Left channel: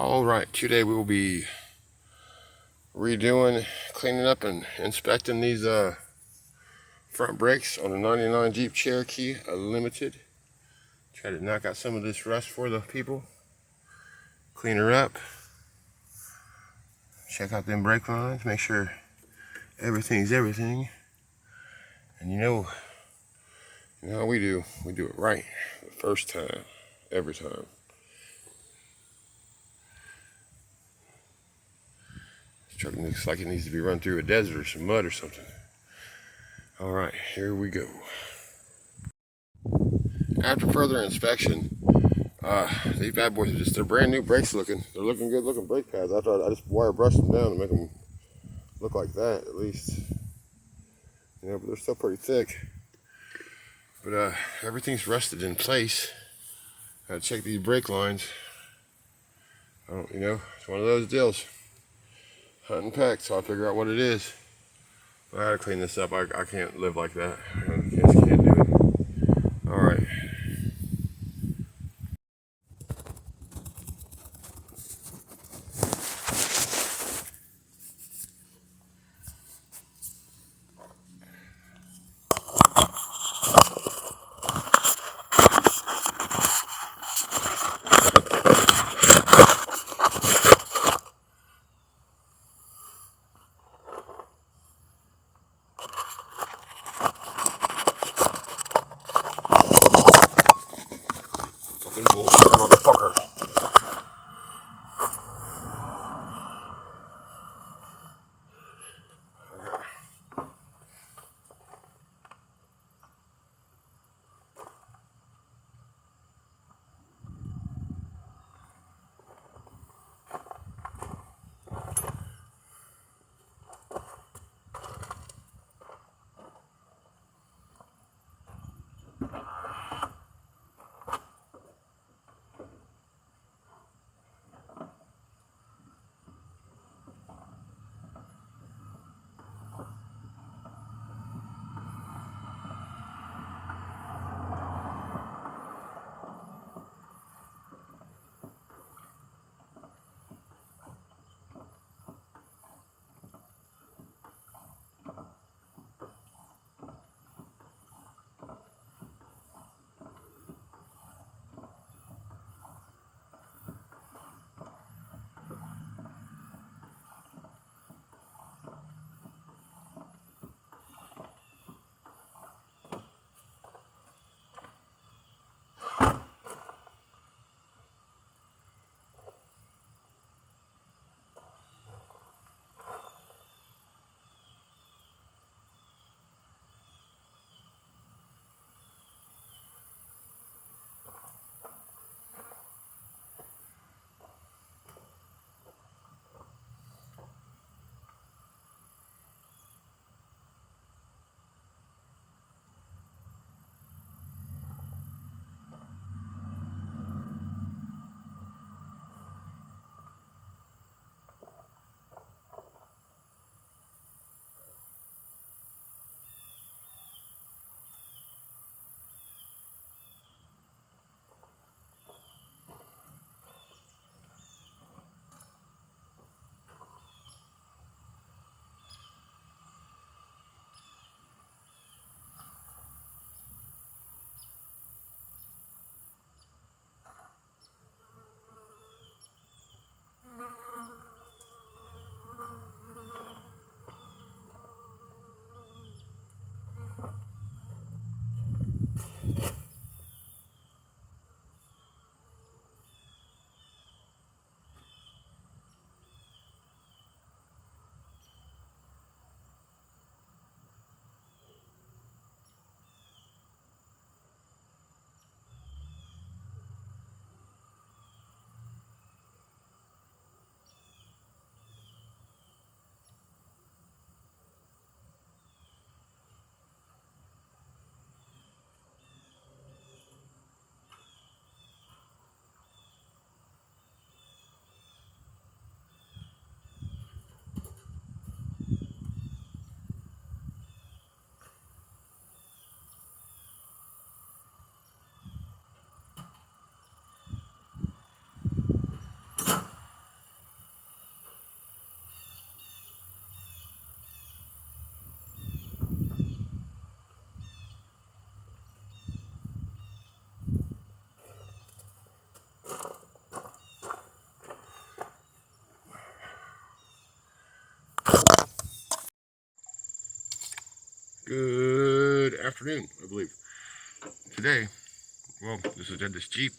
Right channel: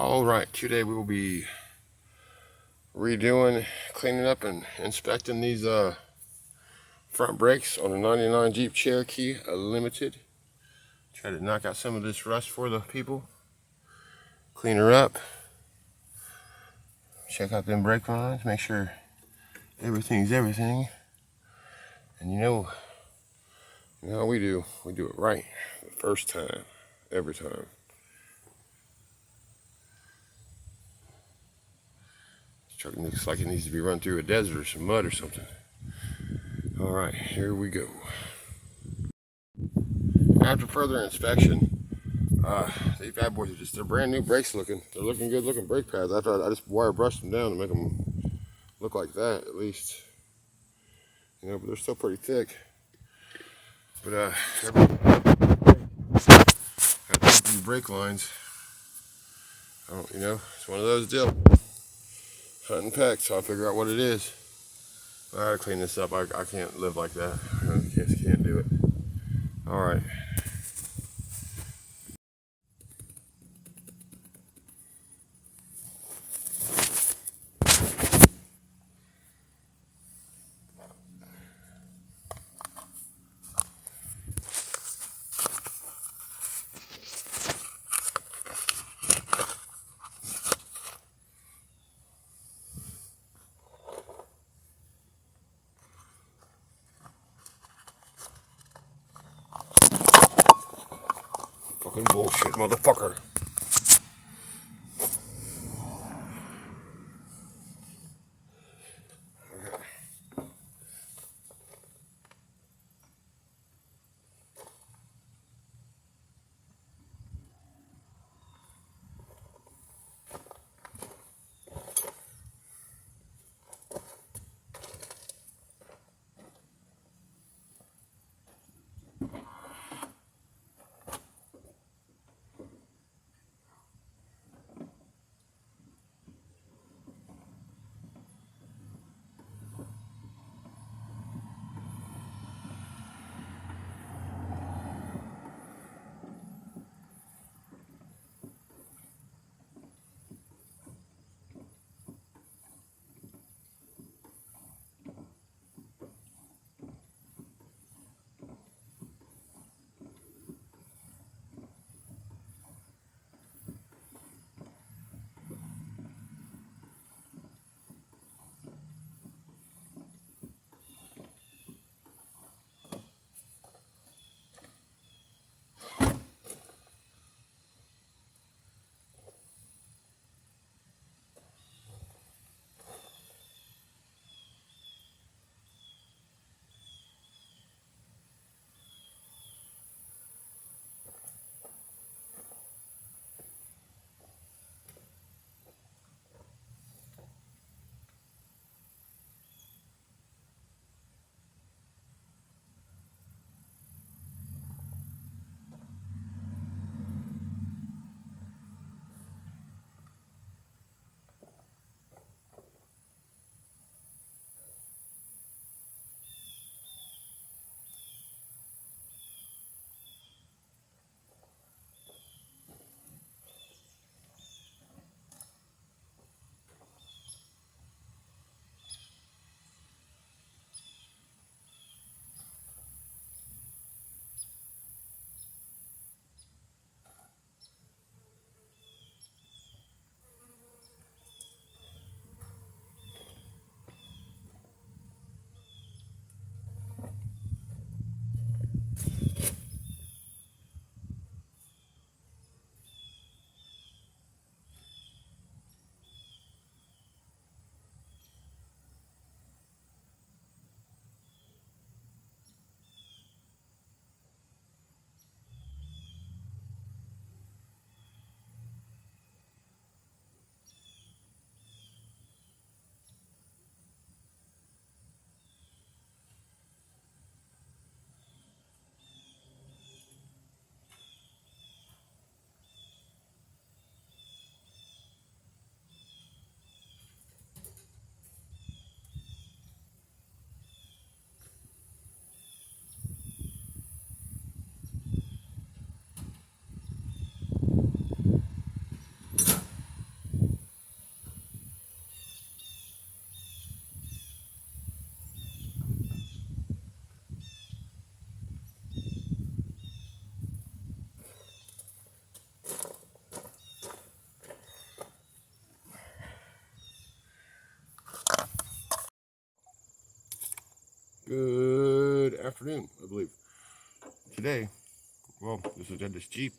All right, today we will be redoing, cleaning up, and inspecting these front brakes on a 99 Jeep Cherokee Limited. Try to knock out some of this rust for the people. Clean her up. Check out them brake lines. Make sure everything's everything. And you know how we do. We do it right the first time, every time. This truck looks like it needs to be run through a desert or some mud or something. All right, here we go. After further inspection, these bad boys they're brand new brakes looking. They're looking good looking brake pads. I just wire brushed them down to make them look like that at least. But they're still pretty thick. But everything's rusted in place. Gotta check these brake lines. It's one of those deals. Hunt and peck, so I'll figure out what it is. I gotta clean this up. I can't live like that. I can't do it. All right. afternoon, I believe. Today, well, this is this Jeep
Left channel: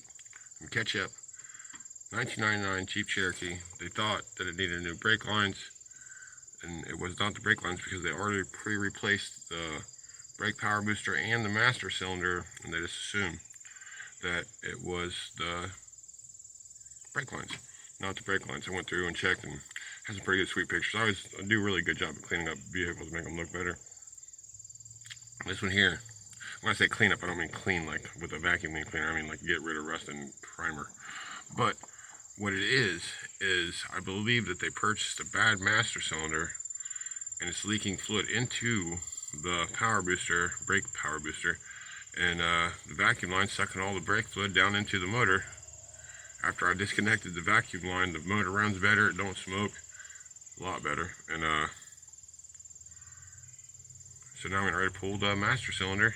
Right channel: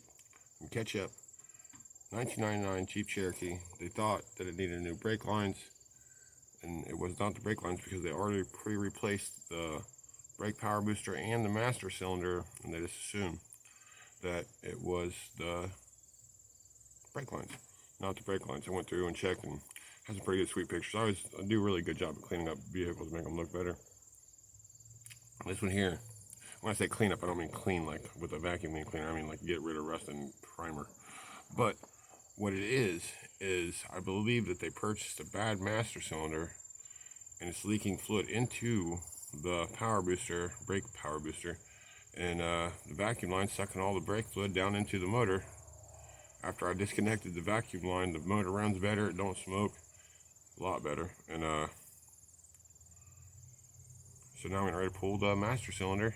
from Ketchup, 1999 Jeep Cherokee. They thought that it needed new brake lines, and it was not the brake lines because they already pre-replaced the brake power booster and the master cylinder, and they just assumed that it was the brake lines, not the brake lines. I went through and checked and has some pretty good sweet pictures. I do a really good job of cleaning up vehicles to make them look better. This one here, when I say clean up, I don't mean clean like with a vacuum cleaner. I mean like get rid of rust and primer. But what it is I believe that they purchased a bad master cylinder and it's leaking fluid into the power booster, brake power booster, and the vacuum line sucking all the brake fluid down into the motor. After I disconnected the vacuum line, the motor runs better, it don't smoke, a lot better. And so now I'm getting ready to pull the master cylinder.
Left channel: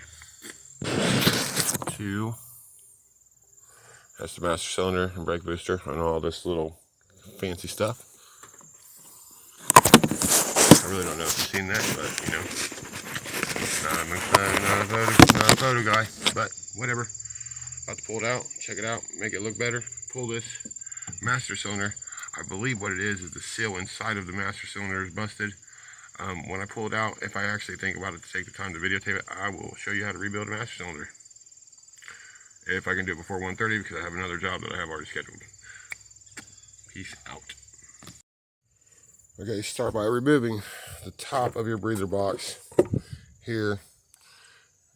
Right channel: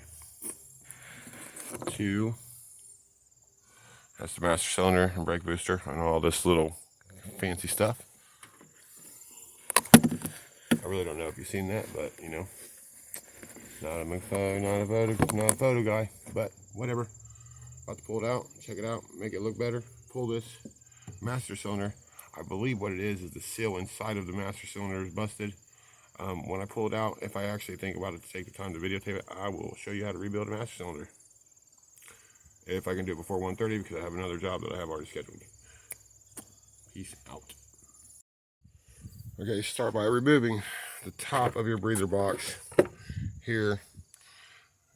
That's the master cylinder and brake booster and all this little fancy stuff. I really don't know if you've seen that, but you know, not a photo guy, but whatever. About to pull it out, check it out, make it look better. Pull this master cylinder. I believe what it is the seal inside of the master cylinder is busted. When I pull it out, if I actually think about it to take the time to videotape it, I will show you how to rebuild a master cylinder. If I can do it before 1:30 because I have another job that I have already scheduled. Peace out. Okay, start by removing the top of your breather box here,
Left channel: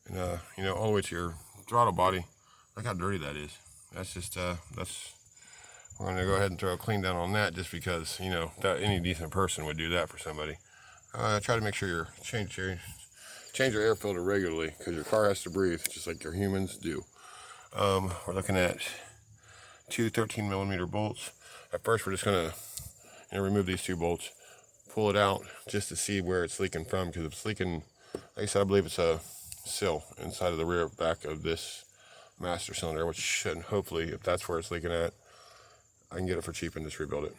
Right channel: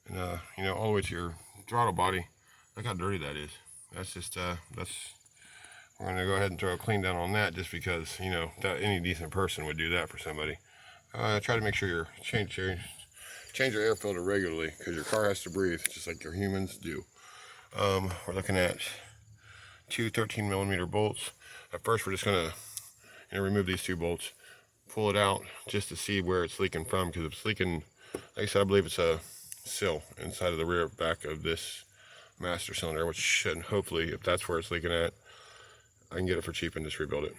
and you know, all the way to your throttle body. Look how dirty that is. That's just we're gonna go ahead and throw a clean down on that, just because you know that any decent person would do that for somebody. Try to make sure you change your air filter regularly, because your car has to breathe just like your humans do. We're looking at two 13mm bolts. At first, we're just gonna remove these two bolts, pull it out just to see where it's leaking from, because if it's leaking, like I said, I believe it's a seal inside of the rear back of this master cylinder, which should hopefully, if that's where it's leaking at, I can get it for cheap and just rebuild it.